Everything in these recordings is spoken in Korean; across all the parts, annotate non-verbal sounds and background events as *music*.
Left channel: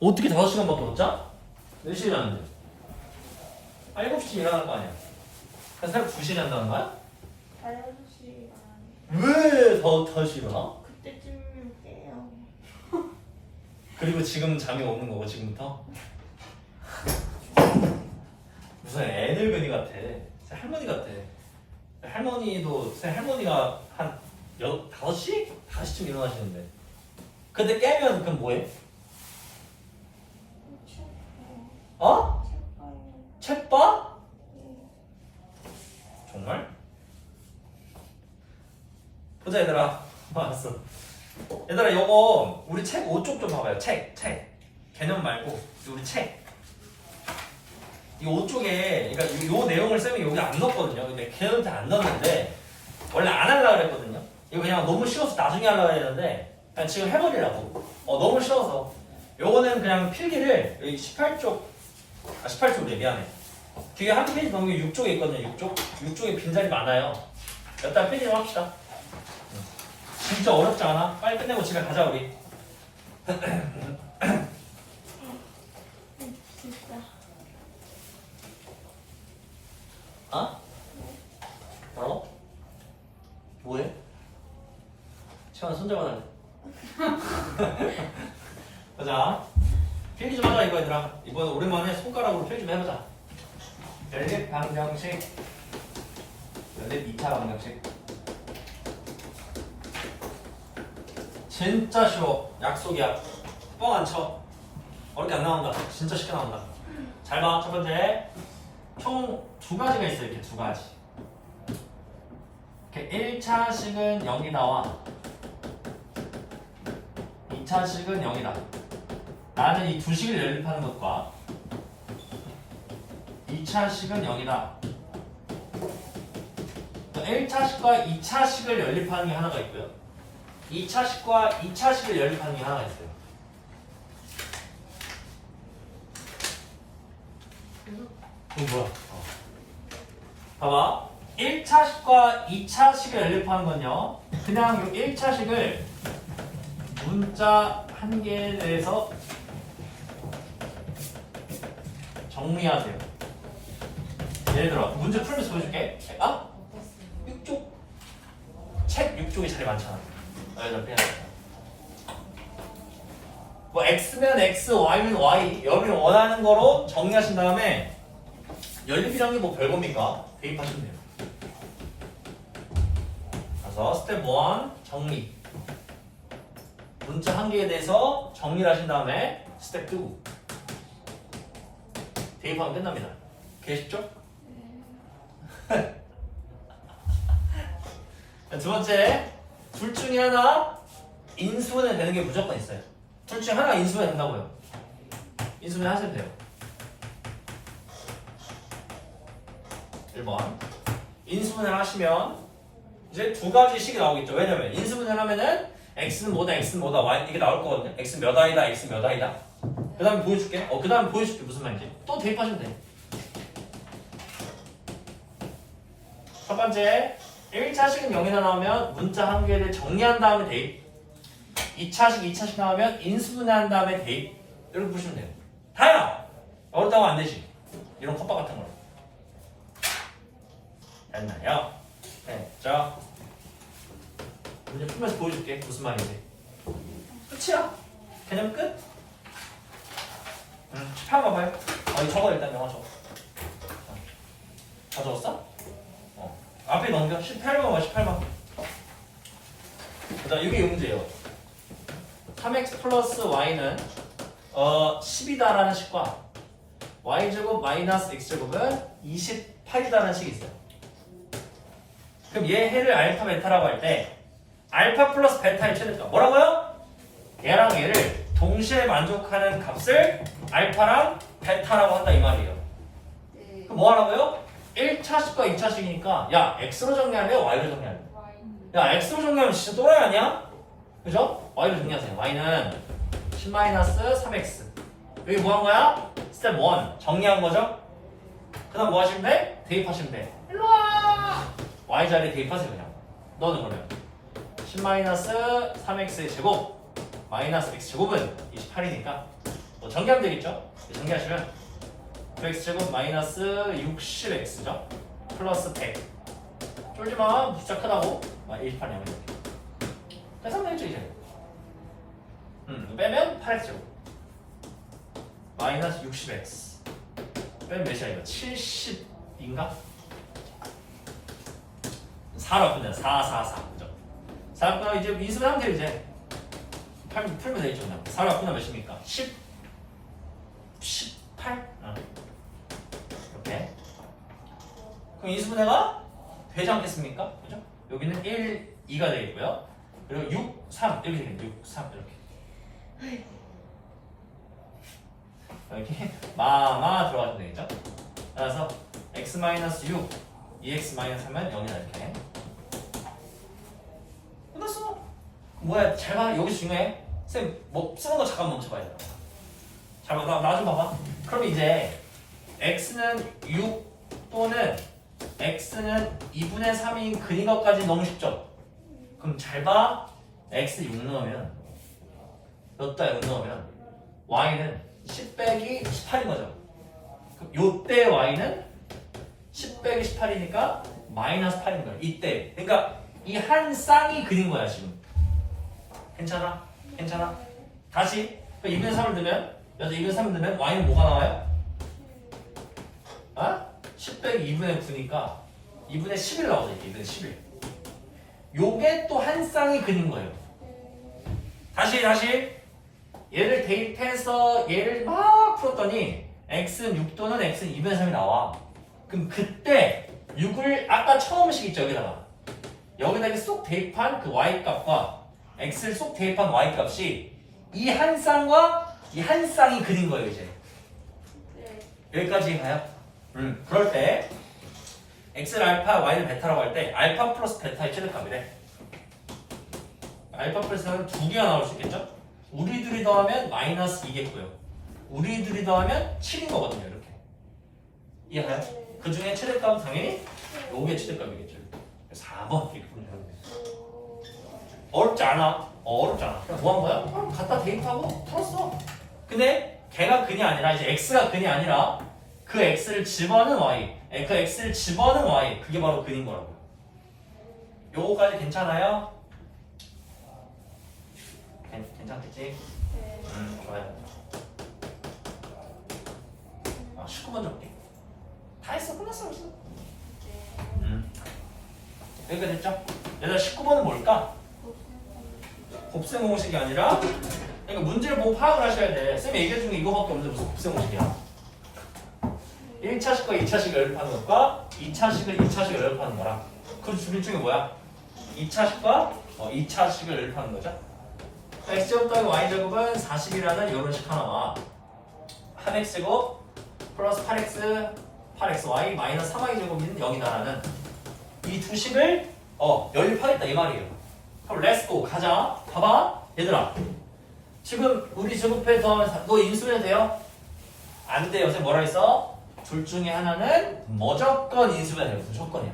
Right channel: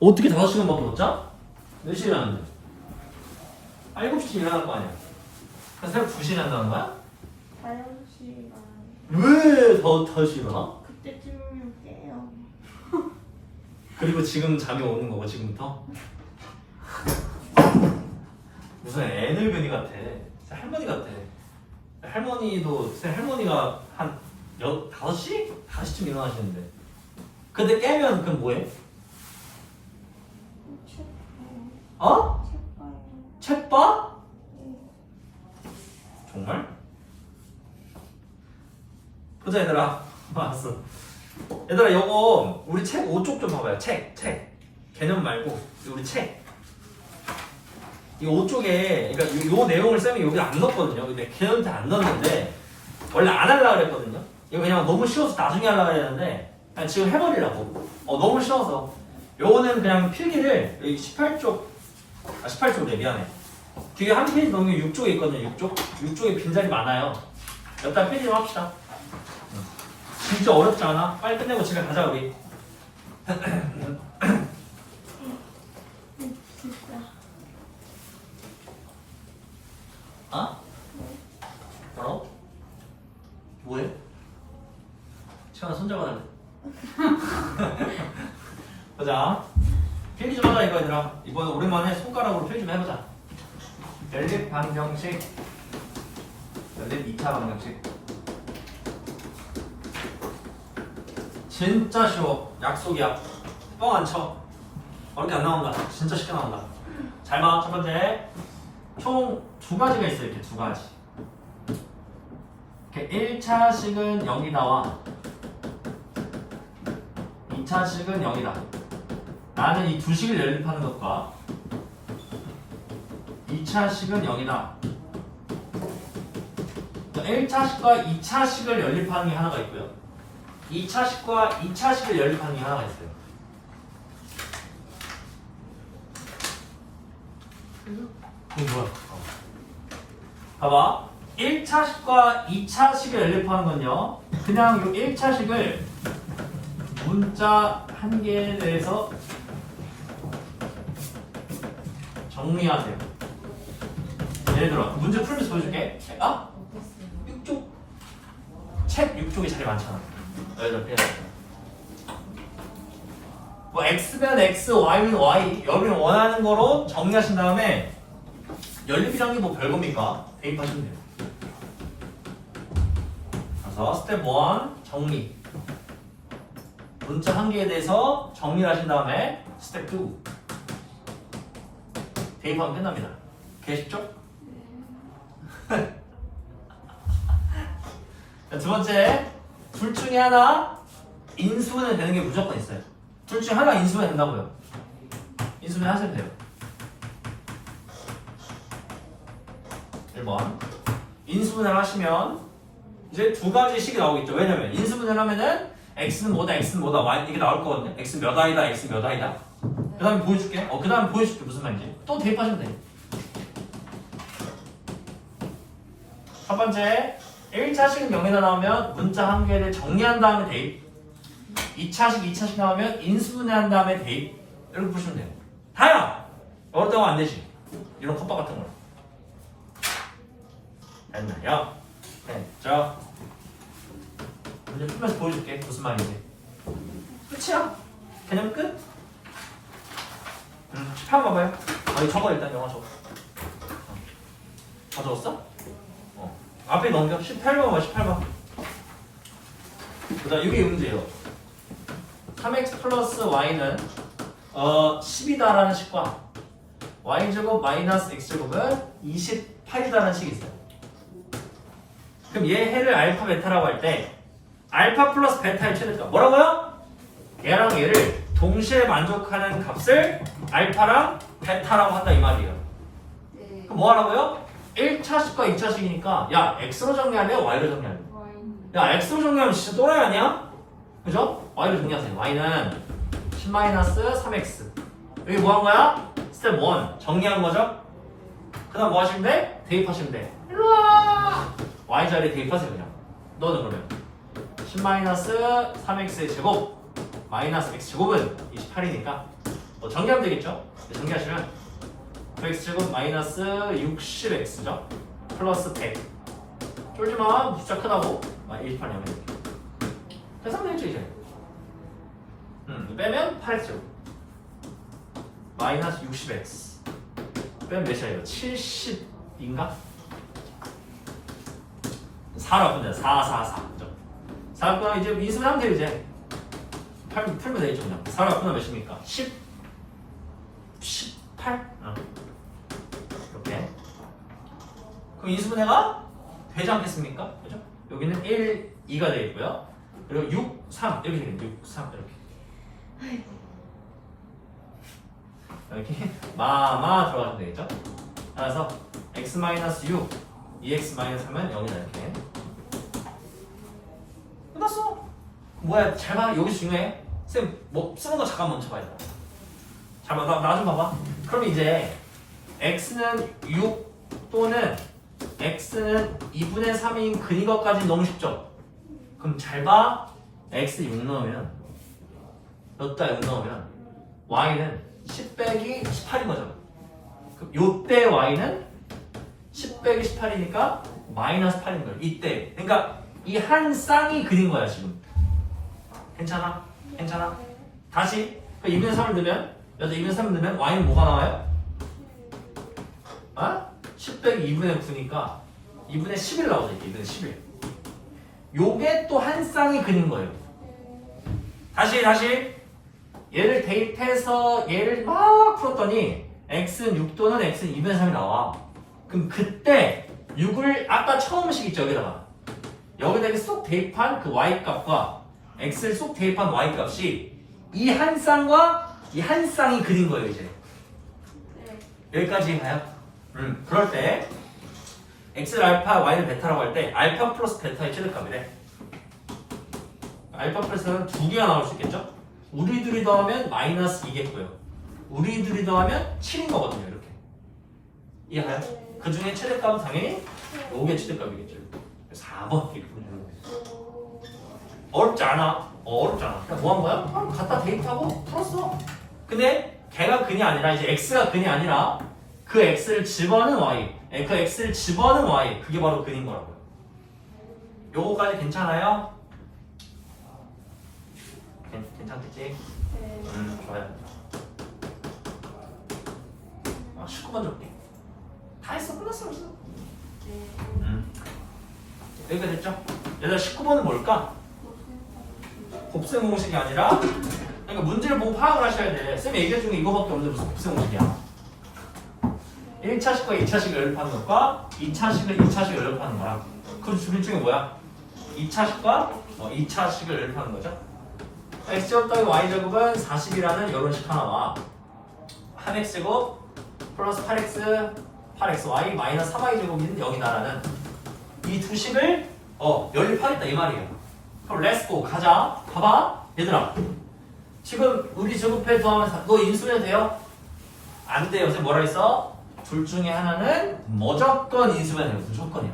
어떻게 5시간밖에 못 자? 몇 시에 자는데? 아 7시에 일어날 거 아니야 그래서 새벽 2시에 잔다는 거야? 다섯 시간 왜 더, 더 일어나? 그때쯤이면 깨요. 그리고 지금 잠이 오는 거고 지금부터? 무슨 애늙은이 같아 진짜 할머니 같아 할머니도 할머니가 한 여, 5시? 5시쯤 일어나시는데 근데 깨면 그럼 뭐해? 책, 어? 봐요. 봐? 정말? 보자 얘들아 알았어 얘들아 요거 우리 책 5쪽 좀 봐봐요 책 책. 개념 말고 우리 책이 5쪽에 그러니까 요, 요 내용을 쌤이 여기 안 넣었거든요 근데 걔한테 안 넣었는데 원래 안 하려고 그랬거든요 이거 그냥 너무 쉬워서 나중에 하려고 했는데 그냥 지금 해버리려고 어 너무 쉬워서 요거는 그냥 필기를 이 18쪽 아 18쪽이래 미안해 뒤에 한 페이지 넘기면 6쪽에 있거든요 6쪽 6쪽에 빈자리 많아요 여기다 페이지 좀 합시다 음. 진짜 어렵지 않아? 빨리 끝내고 집에 가자 우리. 어? 뭐라고? 뭐해? 손잡아야 돼 보자 필기 좀 하자 이거 얘들아. 이번에 오랜만에 손가락으로 필기 좀 해보자. 연립 방정식. 연립 2차 방정식. 진짜 쉬워. 약속이야. 뻥 안 쳐. 어렵게 안 나온다. 진짜 쉽게 나온다. 잘 봐. 첫 번째. 총 두 가지가 있어 이렇게 두 가지. 이렇게 1차식은 0이 나와. 2차식은 0이 다 나는 이 두 식을 연립하는 것과 2차식은 0이다 1차식과 2차식을 연립하는 게 하나가 있고요 2차식과 2차식을 연립하는 게 하나가 있어요. 이거 뭐야? 어. 봐봐. 1차식과 2차식을 연립하는 건요. 그냥 이 1차식을 문자 한 개에 대해서 정리하세요. 예를 들어 문제 풀면서 보여줄게. 아? 6쪽 책 6쪽이 제일 많잖아. 빼야 돼. 뭐 x면 x, y면 y 여러분이 원하는 거로 정리하신 다음에 연립이란 게 뭐 별겁니까? 대입하시면 돼요. 그래서 스텝 1 정리. 문자 한 개에 대해서 정리를 하신 다음에 스텝 2 대입하면 끝납니다. 되셨죠? *laughs* 자, 두 번째 둘 중에 하나 인수분해 되는 게 무조건 있어요. 둘 중에 하나 인수분해 된다고요. 인수분해 하셔도 돼요. 1번 인수분해 하시면 이제 두 가지 식이 나오겠죠. 왜냐면 인수분해를 하면은 x는 뭐다, x는 뭐다, y 이게 나올 거거든요. x 몇 아이다, x 몇 아이다. 그 다음에 보여줄게. 어, 그 다음에 보여줄게 무슨 말인지. 또 대입하시면 돼요. 첫 번째 1차식은 0이다 나오면 문자 한 개를 정리한 다음에 대입 2차식, 2차식 나오면 인수분해한 다음에 대입 이렇게 보시면 돼요 다야! 어렵다고 안 되지 이런 컵밥 같은 거 됐나요? 네, 자 문제 풀면서 보여줄게 무슨 말인지 끝이야 개념 끝? 음, 18번 봐봐요 아니 적어 일단 영어 적어 다 적었어? 어. 앞에 넘겨 18번 봐 18번 그 다음 이게 이 문제예요 3x 플러스 y는 어 10이다라는 식과 y제곱 마이너스 x제곱은 28이다라는 식이 있어요 그럼 얘 해를 알파 베타라고 할 때 알파 플러스 베타의 최대값 뭐라고요? 얘랑 얘를 동시에 만족하는 값을 알파랑 베타라고 한다 이 말이에요 네. 그럼 뭐 하라고요? 1차식과 2차식이니까 야 x로 정리할래? y로 정리할래? 야 x로 정리하면 진짜 또라이 아니야? 그죠? y로 정리하세요 y는 10-3x 여기 뭐 한 거야? 스텝 1 정리한 거죠? 그 다음 뭐 하시면 돼? 대입하시면 돼 일로와 y 자리에 대입하세요 그냥 너는 그러면 10-3x의 제곱 마이너스 x 제곱은 28이니까 뭐 정리하면 되겠죠? 정리하시면 9x 제곱 마이너스 60x죠? 플러스 100 쫄지마. 진짜 크다고. 아 1파냐면 계산되겠죠 이제? 음 빼면 8x 제곱. 마이너스 60x 빼면 몇이야 이거 70인가? 4로 풀면 4, 4, 4 그죠? 4로 풀면 이제 인수하면 돼요 이제 팔, 풀면 되겠죠 그냥 4로 풀면 몇입니까? 10 18? 아. 이렇게. 그럼 인수분해가 되지 않겠습니까? 그죠? 여기는 1, 2가 되겠고요. 그리고 6, 3 이렇게 되겠네 6, 3 이렇게. 이렇게 마마 들어가면 되겠죠? 따라서 x-6 2x-하면 0이다 이렇게. 끝났어. 뭐야? 잘 봐. 여기 중요해 쌤 뭐 쓰는 거 잠깐 멈춰봐야 돼 잠깐 나나 좀 봐봐. 그럼 이제 x는 6 또는 x는 2분의 3인 근인 것까지 너무 쉽죠? 그럼 잘 봐. x 6 넣으면 몇다 6 넣으면 y는 10 빼기 18인 거죠. 그럼 요때 y는 10 빼기 18이니까 마이너스 8인 거예요. 이때. 그러니까 이 한 쌍이 그린 거야 지금. 괜찮아? 괜찮아? 다시? 그 2분의 3을 넣으면? 여자 2분의 3을 넣으면 y는 뭐가 나와요? 아? 10 빼기 2분의 9니까 2분의 11 나오죠 이렇게 2분의 11 요게 또 한 쌍이 그린 거예요. 다시 다시. 얘를 대입해서 얘를 막 풀었더니 x는 6 또는 x는 2분의 3이 나와. 그럼 그때 6을 아까 처음 식 있죠 여기다가. 여기다 이렇게 쏙 대입한 그 y 값과 x를 쏙 대입한 y 값이 이 한 쌍과 이 한 쌍이 그린 거예요 이제 네. 여기까지 가요? 음 그럴 때 x를 알파 y를 베타라고 할 때 알파 플러스 베타의 최대값이래 알파 플러스는 두 개가 나올 수 있겠죠? 우리 둘이 더하면 마이너스 2겠고요 우리 둘이 더하면 7인 거거든요 이렇게 이해가요? 그 중에 최대값은 당연히 5개 최대값이겠죠 4번 이렇게 보면. 어렵지 않아 어, 어렵지 않아 그냥 뭐 한 거야? 그냥 갖다 대입하고 풀었어 근데 걔가 근이 아니라 이제 x가 근이 아니라 그 x를 집어넣은 y 에, 그 x를 집어넣은 y 그게 바로 근인 거라고요 요거까지 괜찮아요? 괜, 괜찮겠지? 네. 음 좋아요 아 19번 줄게 다 했어 끝났어 벌써 음 여기가 됐죠? 얘들아 19번은 뭘까? 곱셈 공식이 아니라 그러니까 문제를 보고 파악을 하셔야 돼. 쌤이 얘기해 준게 이거밖에 없는데 무슨 곱셈 공식이야? 1차식과 2차식을 연립하는 것과 2차식을 2차식을 연립하는 거랑 그둘 중에 뭐야? 2차식과 어, 2차식을 연립하는 거죠. x제곱 더하기 y제곱은 40이라는 이런 식 하나와 한 x제곱 플러스 8x 8xy 마이너스 3y제곱인 0이다라는 이 두 식을 어 연립하겠다 이 말이에요 그럼 렛츠고 가자 봐봐 얘들아 지금 우리 제곱해 더하면 사- 너 인수해도 돼요? 안 돼요 선생님 뭐라 했어? 둘 중에 하나는 무조건 인수해야 돼요 무조건이야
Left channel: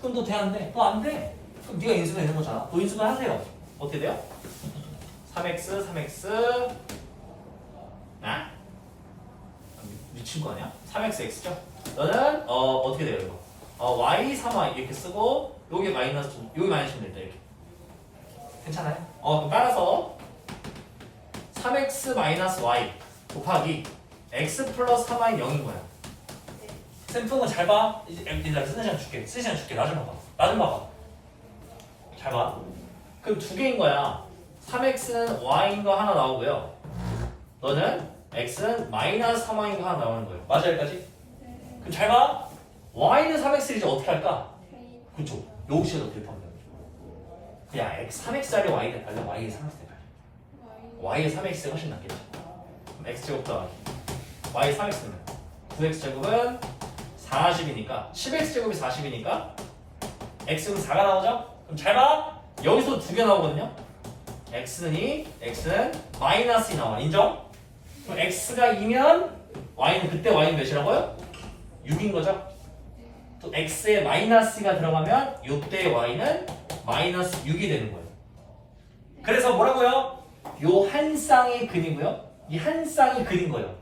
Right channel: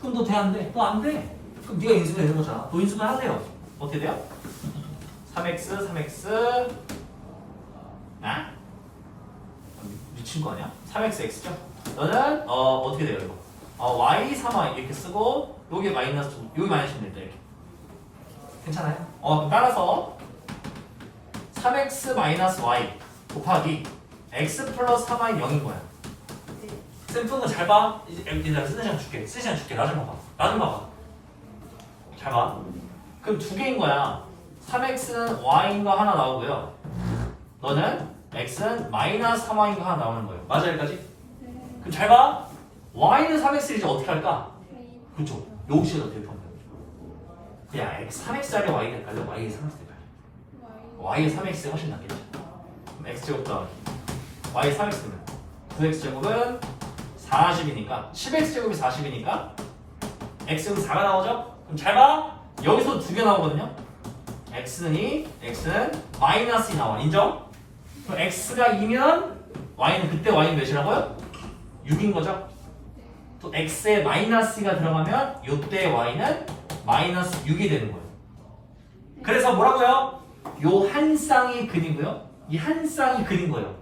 그럼 너 돼안 돼? 너 안 돼? 그럼 네가 인수해 되는 거잖아 너 인수해 하세요 어떻게 돼요? 3x 3x 아? 미친 거 아니야? 3x x죠? 너는 어 어떻게 돼요 이거? 어 y 3y 이렇게 쓰고 요게 마이너스 요게 마이너스면 된다 이렇게 괜찮아요? 어 따라서 3x 마이너스 y 곱하기 x 플러스 3y 0인 거야 쌤 푸는 거잘 봐. 이제 얘들아 쓰는 시간 줄게. 쓰는 시간 줄게. 나 좀 봐봐. 나 좀 봐봐. 잘 봐. 그럼 두 개인 거야. 3x는 y인 거 하나 나오고요. 너는 x는 마이너스 3y인 거 하나 나오는 거예요. 맞아 여기까지? 그럼 잘 봐. y는 3x를 이제 어떻게 할까? 그쵸. 여기서 어떻게 하 x 3x짜리 y 될까요? y에 3x 될까요? y에 3x 훨씬. 그럼 x 제곱 더하기 y 3x면 9x 제곱은 40이니까 10x 제곱이 40이니까 x는 4가 나오죠? 그럼 잘 봐. 여기서 두 개 나오거든요. x는 2, x는 마이너스 2 나와. 인정? 그럼 x가 2면 y는 그때 y는 몇이라고요? 6인 거죠? 또 x에 마이너스가 들어가면 이때 y는 마이너스 6이 되는 거예요. 그래서 뭐라고요? 요 한 쌍이 근이고요. 이 한 쌍이 근인 거예요.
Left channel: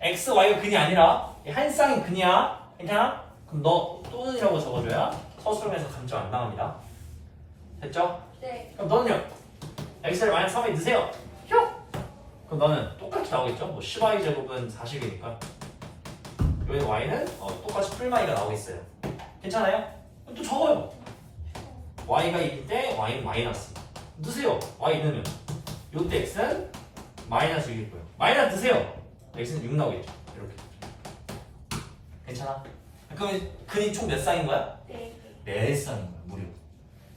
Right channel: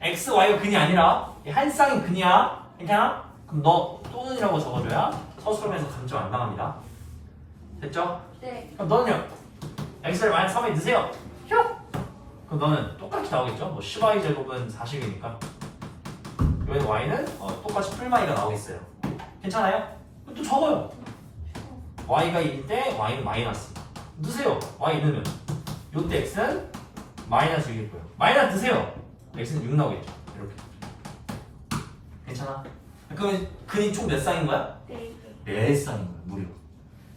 x, y가 근이 아니라 이한 쌍이 근이야. 괜찮아? 그럼 너 또는이라고 적어줘야 서술에서 감점 안 당합니다. 됐죠? 네. 그럼 너는요? x를 마이너스 3에 넣으세요. 휴! 그럼 너는 똑같이 나오겠죠? 뭐 10y 제곱은 40이니까 여기 y는 어, 똑같이 풀마이가 나오겠어요. 괜찮아요? 그럼 또 적어요. Y가 1일 때 y는 마이너스. 넣으세요. y 넣으면 요때 x는 마이너스 6일 거예요. 마이너스 넣으세요. x는 6 나오겠죠. 이렇게. 괜찮아? 그럼 근이 총몇 쌍인 거야? 네. 네 쌍인 거야. 무려.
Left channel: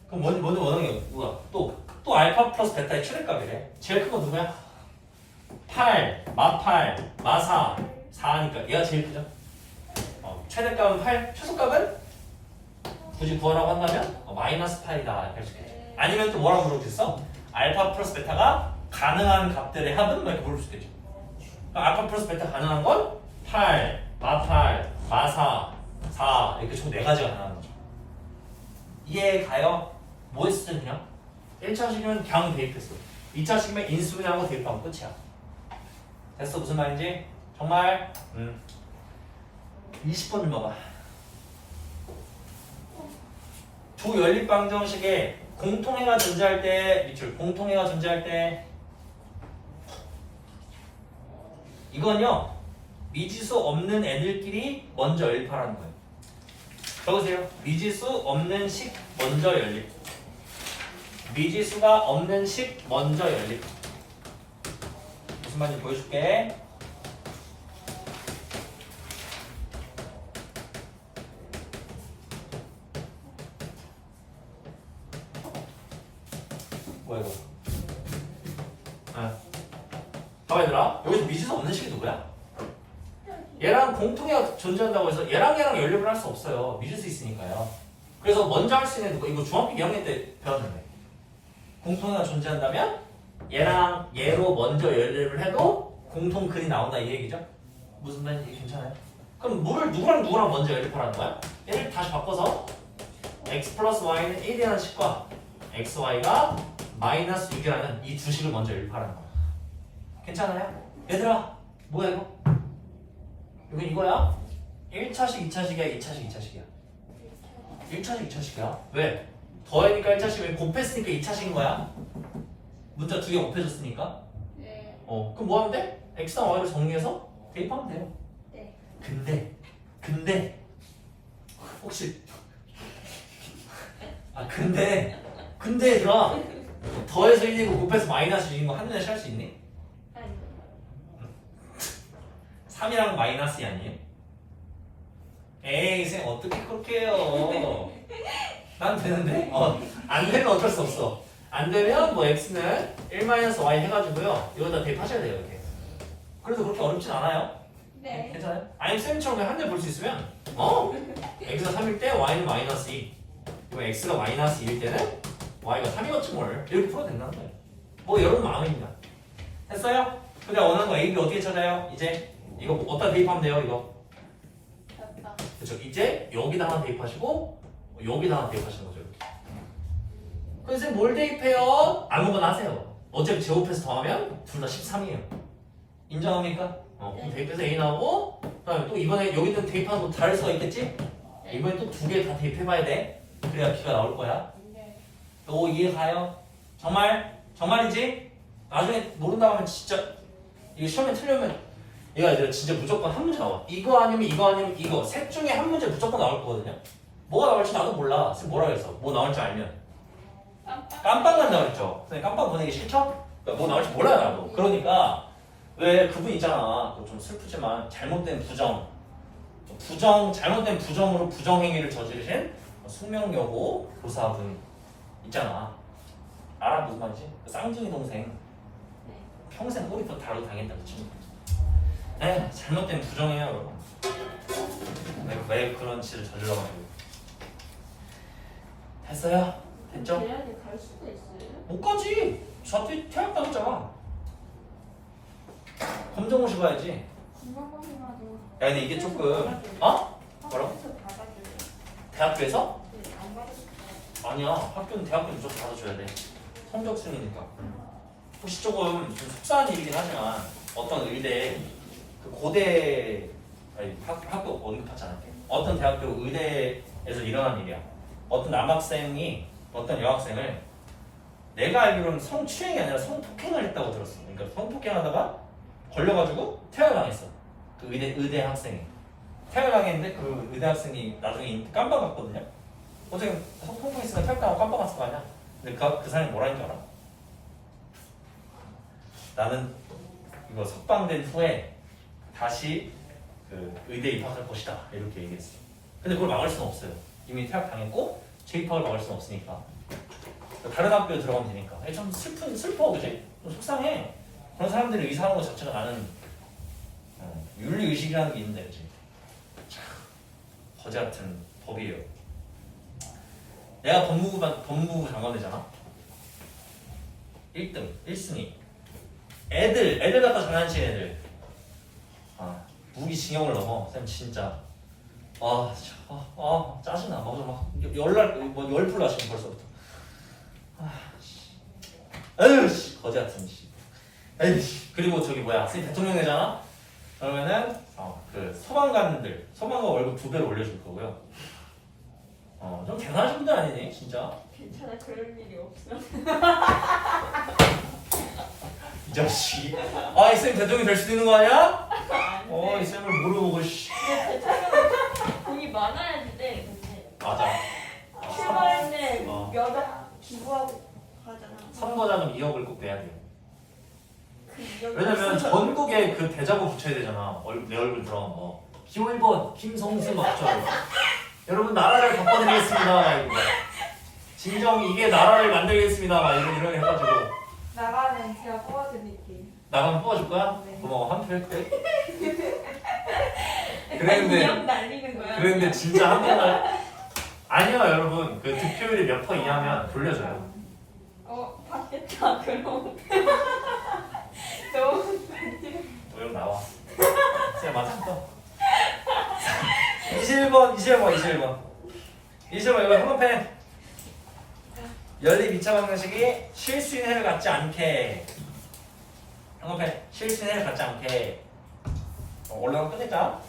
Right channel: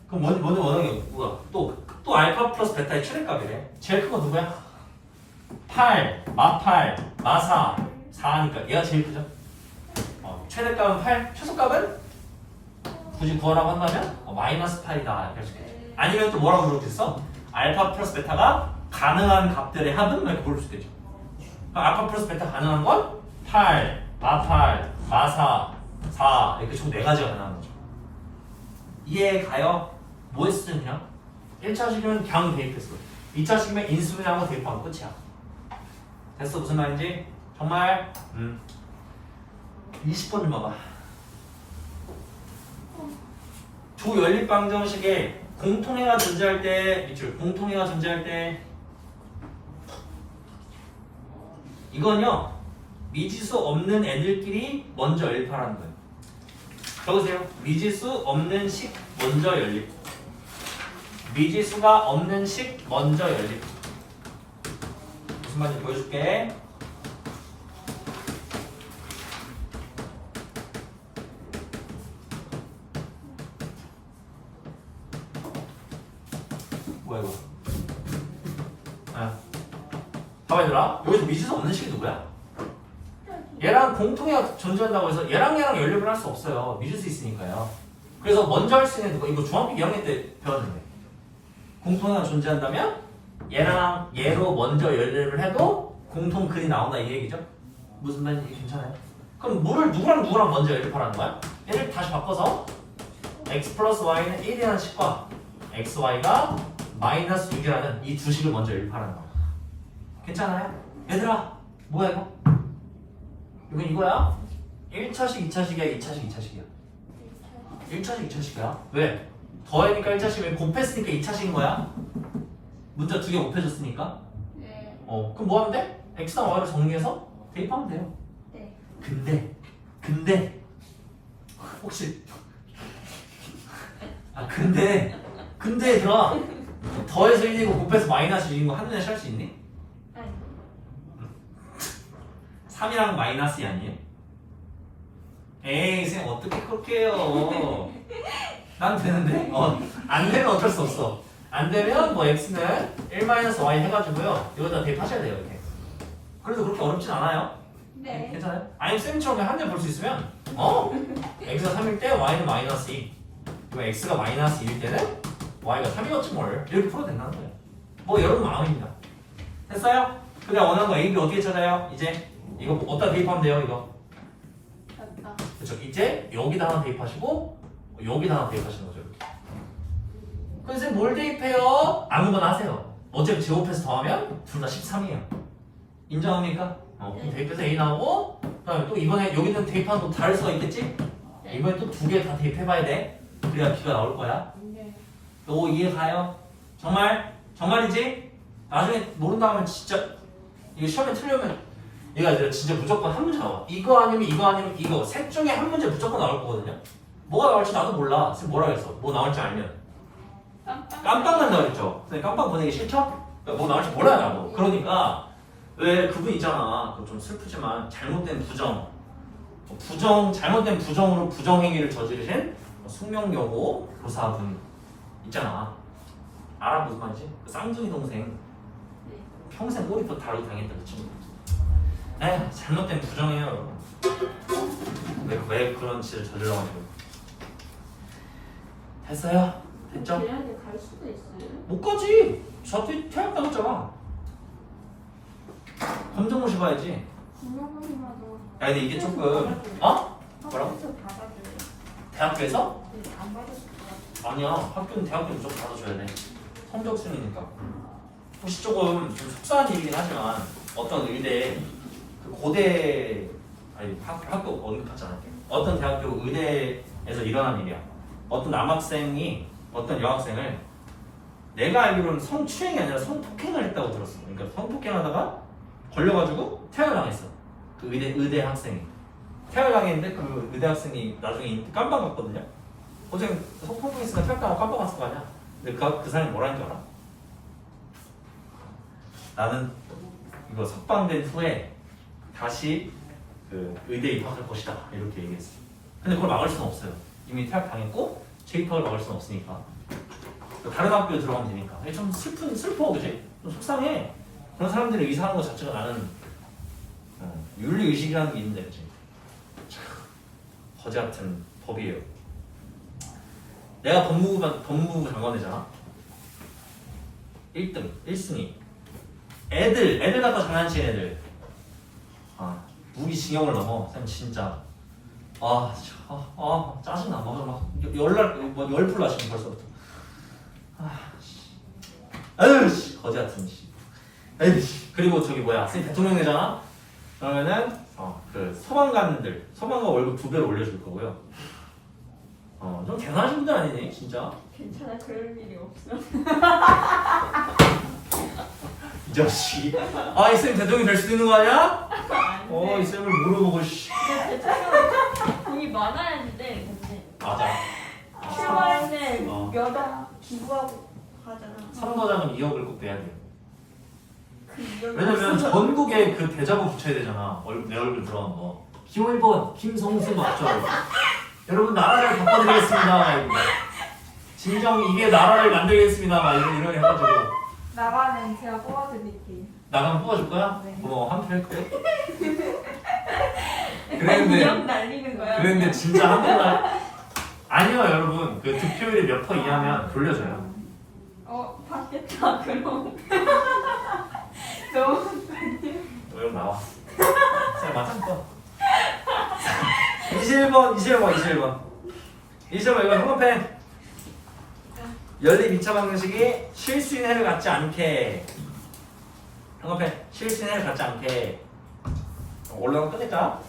그럼 먼저 먼저 게 뭐야? 또, 또 알파 플러스 베타의 최대값이래. 제일 큰 거 누구야? 8, 마8, 마4, 4니까 얘가 제일 크죠? 어, 최대값은 8, 최소값은 굳이 구하라고 한다면 어, 마이너스 8이다 이렇게 할수 있겠죠. 아니면 또 뭐라고 있어? 알파 플러스 베타가 가능한 값들의 합은 뭐 이렇게 부를 수 있겠죠. 알파 플러스 베타 가능한 건 8, 마8, 마4, 4 이렇게 총 4가지가 가능한 거죠. 이해 가요? 뭐 했으면 그냥? 1차식이면 그냥 대입했어. 2차식이면 인수분해하고 대입하면 끝이야. 됐어 무슨 말인지? 정말 음. 20번 좀 봐봐. 두 연립 방정식에 공통해가 존재할 때 밑줄 공통해가 존재할 때 이건요 미지수 없는 애들끼리 먼저 연립하라는 거예요. 적으세요. 미지수 없는 식 먼저 연립. 미지수가 없는 식 먼저 연립. 무슨 말인지 보여줄게. 뭐야 이거? 네. 봐봐 얘들아 식이 누구야? 얘랑 공통이 존재한다고 해서 얘랑 얘랑 연립을 할 수 없어요 미지수 있으니까요 그래서 먼저 할 수 있는 누가 이거 중학교 2학년 때 배웠는데 공통이가 존재한다면 얘랑 얘로 먼저 연립을 해도 공통 글이 나온다 이 얘기죠 무슨 말인지 괜찮아요? 그럼 물을 누구랑 누구랑 먼저 연립하라는 거야? 얘를 다시 바꿔서 x 플러스 y는 1이라는 식과 xy가 마이너스 6이라는 이 두 식을 먼저 연립하라는 거야. 괜찮아요? 얘들아, 뭐야 이거? 이건 이거야? 1차식, 2차식이야, 2차식, 2차식이야. 1차식, 2차식이야. 왜? 더하니까 1차식, 왜 곱했으니까 2차식인 거야? 문자 두 개 곱해줬으니까. 네. 어, 그럼 뭐 하면 돼? x랑 y를 정리해서 대입하면 돼요. 네. 근데, 근데, 혹시, 아, 근데, 근데 얘들아, 더해서 1이고 곱해서 마이너스 6인 거 한눈에 찰 수 있니? 3이랑 마이너스이 아니에요? 에이, 쌤, 어떻게 그렇게 해요? 난 되는데? 어, 안 되면 어쩔 수 없어. 안 되면 뭐 x는 1-y 해가지고요. 이거다 대입하셔야 돼요, 이렇게. 그래도 그렇게 어렵진 않아요. 네. 괜찮아요? 아니면 쌤처럼 한 대 볼 수 있으면 어? x가 3일 때 y는 마이너스 2 그럼 x가 마이너스 2일 때는 y가 3이었지 뭘 이렇게 풀어도 된다는 거예요 뭐 여러분 마음입니다 됐어요? 그냥 원하는 거 a, b 어떻게 찾아요? 이제 이거 어디다 대입하면 돼요 이거. 그렇죠 이제 여기다 하나 대입하시고 여기다 하나 대입하시는 거죠 쌤뭘 대입해요? 아무거나 하세요 어차피 제곱해서 더하면 둘 다 13이에요 인정합니까? 어, 그럼 대입해서 A 나오고 또 이번에 여기는 대입하는 거 다를 수가 있겠지? 이번에 또 두 개 다 대입해봐야 돼 그래야 B가 나올 거야 네. 너 이해 가요? 정말? 정말이지? 나중에 모른다 하면 진짜 이게 시험에 틀리면 얘가 이제 진짜 무조건 한 문제 나와. 이거 아니면 이거 아니면 이거. 셋 중에 한 문제 무조건 나올 거거든요. 뭐가 나올지 나도 몰라. 쌤 뭐라 그랬어? 뭐 나올지 알면. 깜빡. 깜빵 간다 그랬죠? 선생님 깜빵 보내기 싫죠? 뭐 나올지 몰라요 나도. 그러니까 왜 그분 있잖아. 좀 슬프지만 잘못된 부정. 부정 잘못된 부정으로 부정 행위를 저지르신 숙명여고 교사분 있잖아. 알아 무슨 말이지? 그 쌍둥이 동생. 평생 꼬리부터 다루고 당했다 그 친구 에 잘못된 부정이에요 여러분 왜, 왜 그런 짓을 저질러 가지고 됐어요? 됐죠? 대학에 갈 수도 있어요. 못 가지. 저한테 퇴학 당했잖아. 검정고시 봐야지. 야, 근데 이게 조금 어? 뭐라고? 대학교에서? 네, 안. 아니야. 학교는 대학교 무조건 받아줘야 돼. 성적 순이니까. 혹시 조금 좀 속상한 일이긴 하지만 어떤 의대 그 고대 아니 학, 학교 어디 않을게 어떤 대학교 의대에서 일어난 일이야. 어떤 남학생이 어떤 여학생을 내가 알기로는 성추행이 아니라 성폭행을 했다고 들었어. 그러니까 성폭행하다가 걸려가지고 퇴학당했어. 그 의대 의대 학생이. 퇴학당했는데 그 의대 학생이 나중에 깜빡 갔거든요. 어제 성폭행했으니까 퇴학당하고 깜빡 갔을 거 아니야. 근데 그, 그 사람이 뭐라는 줄 알아? 나는 이거 석방된 후에 다시 그 의대 입학할 것이다 이렇게 얘기했어. 근데 그걸 막을 수는 없어요. 이미 퇴학 당했고 재입학을 막을 수는 없으니까 또 다른 학교에 들어가면 되니까. 좀 슬픈 슬퍼 그지? 좀 속상해. 그런 사람들이 의사하는 것 자체가 나는 어, 윤리 의식이라는 게 있는데 그지? 참, 거지 같은 법이에요. 내가 법무부 법무부 장관이잖아. 1등, 1순위. 애들, 애들 갖다 장난치는 애들. 아, 무기징역을 넘어. 쌤 진짜. 아, 참, 아, 아 짜증나. 막, 막 열날, 뭐 열풀 나시네 벌써부터. 아, 씨. 아유, 씨, 거지 같은 씨. 아유, 씨. 그리고 저기 뭐야, 쌤 대통령 되잖아. 그러면은 어, 그 소방관들, 소방관 월급 두 배로 올려줄 거고요. 어, 좀 대단하신 분들 아니네, 진짜. 괜찮아 그럴 일이 없어. *laughs* 이 자식. 아, 이 쌤 대통령 될수 있는 거 아니야? 안 어, 이 돼. 쌤을 물어보고 씨. 돈이 많아야지 돼. 근데 맞아. 출마에는 어. 몇억 기부하고 하잖아. 선거자금 2억을 꼭 내야 돼요. 그 이력이 왜냐면 없어서. 전국에 그 대자보 붙여야 되잖아. 얼굴, 내 얼굴 들어간 거. 김일본, 김성수 막죠. 여러분 나라를 바꿔드리겠습니다. 이거. 진정 이게 나라를 만들겠습니다. 막 이런 이런 해가지고 나가면 제가 뽑아드릴게요. 나가면 뽑아줄 거야? 네. 고마워 한표 했대. *laughs* 그랬는데 날리는 거야. 그랬는데 진짜 한 표만 아니요 여러분 그 득표율이 몇 퍼 이하면 돌려줘요. 어 받겠다 그럼. *laughs* 너무 왜 나와? 쌤 맞았어. 21번, 21번, 21번. 21번 이거 한번펜 연립 2차 방정식이 실수인 해를 갖지 않게 한번펜 실수인 해를 갖지 않게 어, 올라가면 끝냈잖아?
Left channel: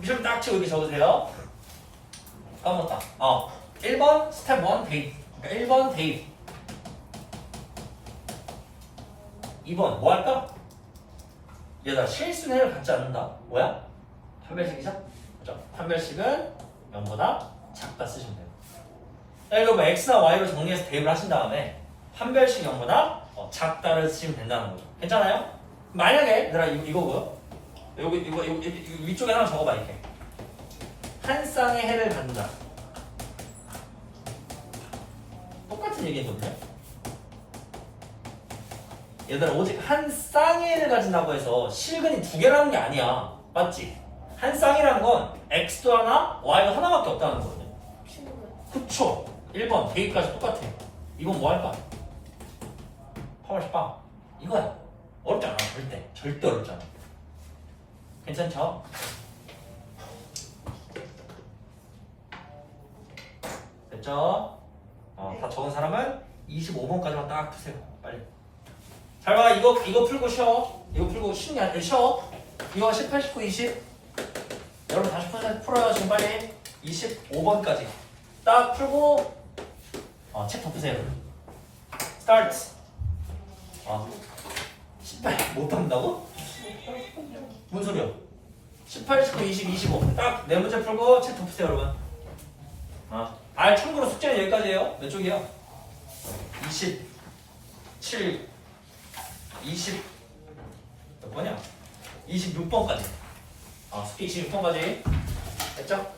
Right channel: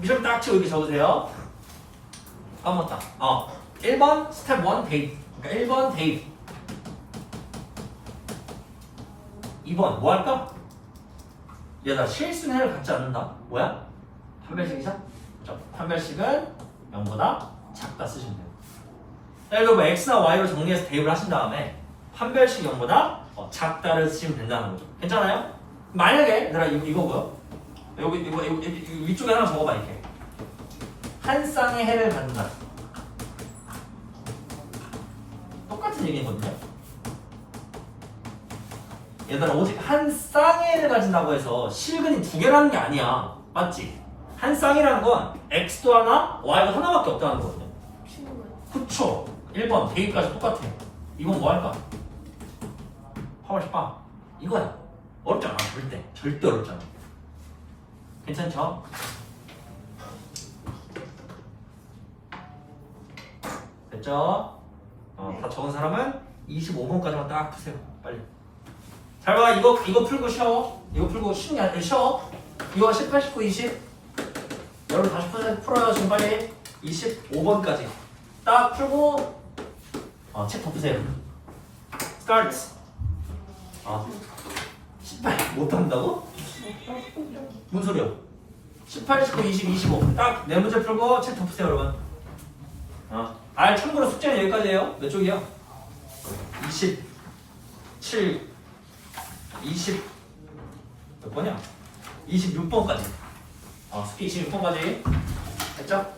미션 딱 치고 이렇게 적으세요 까먹었다 어 1번 스텝 1 데이트 그러니까 1번 데이트 2번 뭐 할까? 얘들아 실순회를 갖지 않는다. 뭐야? 판별식이죠? 그죠? 판별식은 0보다 작다 쓰시면 돼요. 들어 뭐 x나 y로 정리해서 대입을 하신 다음에 판별식 0보다 어, 작다를 쓰시면 된다는 거죠. 괜찮아요? 만약에 얘들아 이거 이거고요. 여기 이거, 이거, 이거, 위쪽에 하나 적어봐 이렇게. 한 쌍의 해를 갖는다. 똑같은 얘기거든요. 얘들아 오직 한 쌍의를 가진다고 해서 실근이 두 개라는 게 아니야 맞지? 한 쌍이라는 건 x도 하나 y도 하나밖에 없다는 거거든요 그쵸 1번 대입까지 똑같아요 이건 뭐 할까? 8월 18 이거야 어렵지 않아 절대 절대 어렵지 않아 괜찮죠? 됐죠? 어, 다 적은 사람은 25번까지만 딱 푸세요 빨리 잘 봐, 이거 이거 풀고 쉬어. 이거 풀고 쉬는 게 아니라 쉬어. 이거 18, 19, 20. 여러분 다시 풀, 풀어요 지금 빨리. 25번까지 딱 풀고 어, 책 덮으세요. Start. 아, 18 못한다고? 뭔 소리야? 18, 19, 20, 25. 딱 네 문제 풀고 책 덮으세요 여러분. 어. 아, 참고로 숙제는 여기까지예요. 몇 쪽이야? 27. 20 몇 번이야? 26번까지. 아, 숙제 26번까지. 됐죠?